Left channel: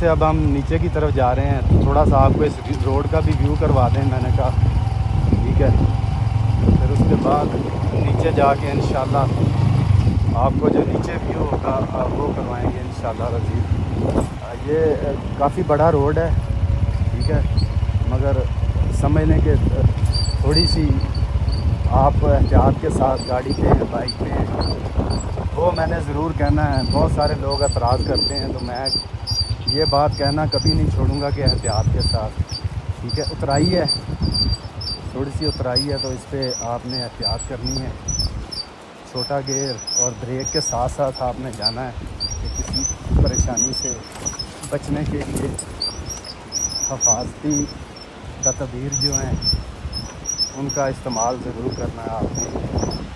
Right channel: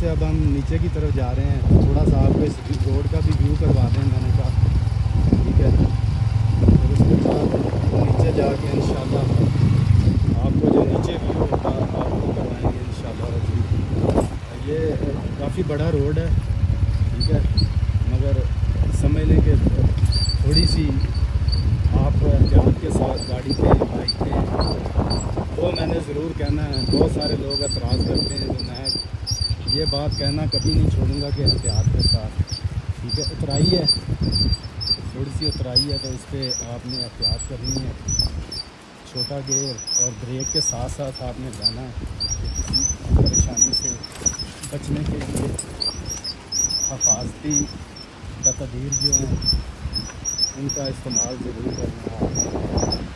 سے اب ہم نیچے کی طرف جا رہے ہیں، تو تھوڑا سا آپ کو اس روڈ کا بھی ویو کروا دیں، میں نے کہا ٹھیک ہے، پھر اس کے بعد نیچے جا کے انشاءاللہ آپ کو جو نیچے ویو ہوگا وہ کروائیں گے انشاءاللہ عزیز۔ یہ کافی بڑا روڈ ہے، ٹھیک ہے، مگر سمجھ لیں کہ تھوڑی سی آپ احتیاط کے ساتھ گاڑی پہ بائک پہ، وہ میں نے ضرور کہنا ہے۔ بہت سارے لوگ اعتراض کرتے ہیں، تو میں یہ بات کہنا کبھی نہیں چھوڑوں گا کہ احتیاط کے ساتھ، ٹھیک ہے۔ اترائی ہے، تھوڑی سی اترائی ہے، تو اس پہ آپ نے احتیاط کرنی ہے، چھوٹا گیئر اور بریک کے ساتھ ساتھ آپ نے جانا ہے کہ کسی پریشانی سے بچنے کے لیے حفاظتی تدابیر جو ہیں ان کا استعمال ضرور کرنا ہے آپ نے۔